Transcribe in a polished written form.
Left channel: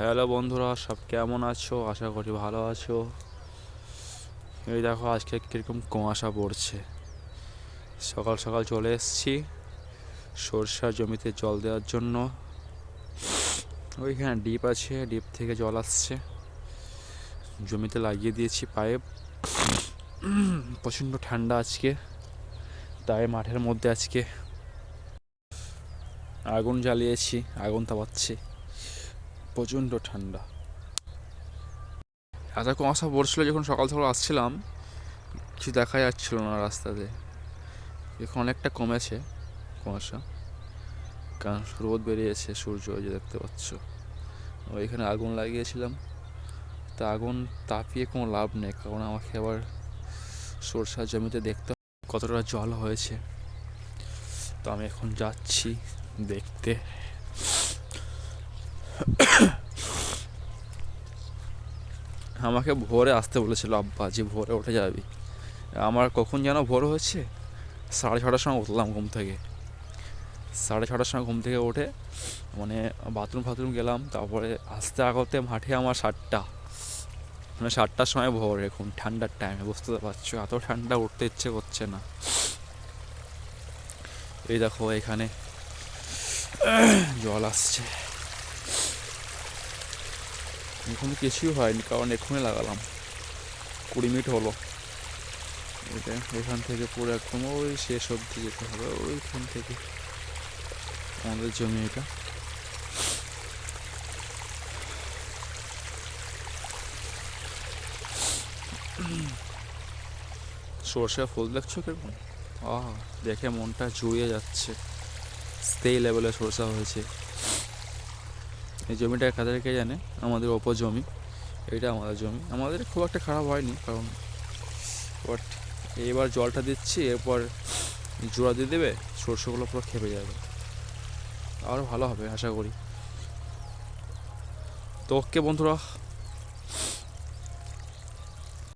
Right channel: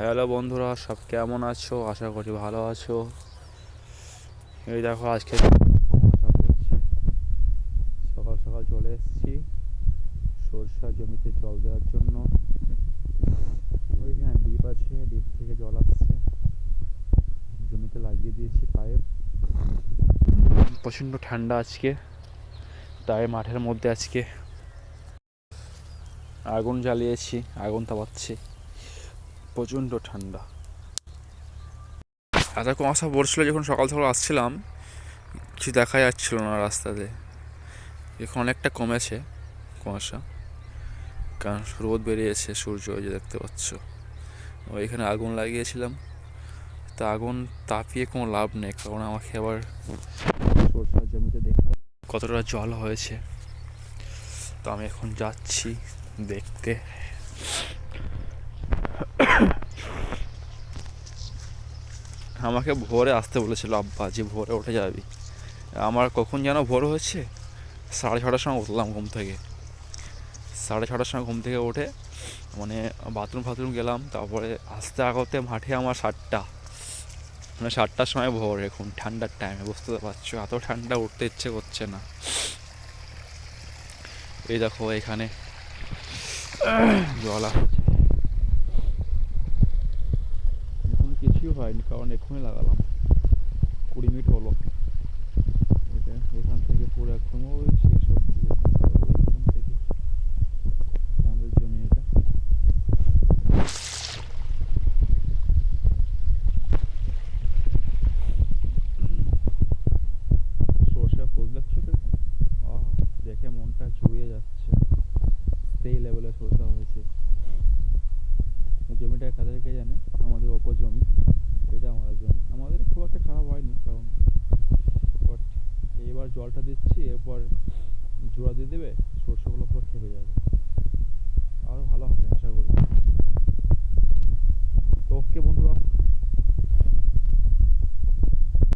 Hello বন্ধুরা, সব কেমন আছো? আশা করি ভালো আছো। এই দেখো আজকে কীরকম কুয়াশা পড়ছে। সকাল সকাল চলে এসেছি সরষার জমিতে জল দেওয়ার জন্য। ওইখানে ডিপ আছে, ডিপ থেকে জল আসছে, জমিতে লাগিয়ে দিয়েছি পাইপ। প্রচণ্ড ঠান্ডা আজকে, তাই মাঠের মধ্যে আজকে আগুন জ্বালিয়েছি, আগুন তাপাচ্ছি। প্রচণ্ড ঠান্ডা। এত কুয়াশা পড়ছিল যখন সকাল সকাল আসছিলাম, কিছু দেখা যাচ্ছিল না রাস্তাতে। এখন অনেকটা কমেছে কুয়াশা, কারণ রোদ বেরিয়েছে, সূর্য ওই যে দেখতে পাচ্ছ। ওইখানে আগুন লাগিয়েছিলাম, তা আগুন তাপিয়ে কোনো লাভ নেই, কারণ আমাকে আবার সরষার জমিতে দেখতে কতটা জল হয়েছে। তো আমি এখন যাচ্ছি দেখতে। আমাকে ভোরে আসতে বলেছিল আব্বা, যে ভোরে উঠে যাবি। আমার কখন যেন ভোর হয়েছে, 6:30টার সময় উঠলাম ঘুম থেকে। 6:30টার সময় ঘুম থেকে উঠে মানে বাথরুম গেলাম, তারপরে আস্তে আগতে মাঠে আমার 7টা, মানে 7টার সময় ভোর। এখন ঠান্ডার টাইমে বুঝতে তো পারছো, এত ঠান্ডা উঠতে ইচ্ছে করছে না। এই দেখো এখানে জল আসছে। এখন কিছুই হয়নি, কারণ এক্ষুনি লাগালাম, 20 মিনিট হলো। এটা এখান থেকে পুরো একদম ওই শেষ অব্দি যেতে হবে, ওইখান থেকে আমাদের জমি এটা। সর্ষে ফুল দেখছো কিরকম? আহ, দেখে মনটা জুড়িয়ে যাচ্ছে। সেই লেভেলে সরষা হয়েছে। এই জমিটা কাদেরকে জানে, আমাদের ওপর জমি, এটা আমাদের জমি। আমাদের খুব একটা খারাপ হয়নি, কারণ বাট এইবার জলটা দিচ্ছি, এরপর জোড়া দিয়ে দেবে, সরষেগুলো পুরো খেপে যাবে, আরও ভালো হবে আশা করি। তো ওকে বন্ধুরা,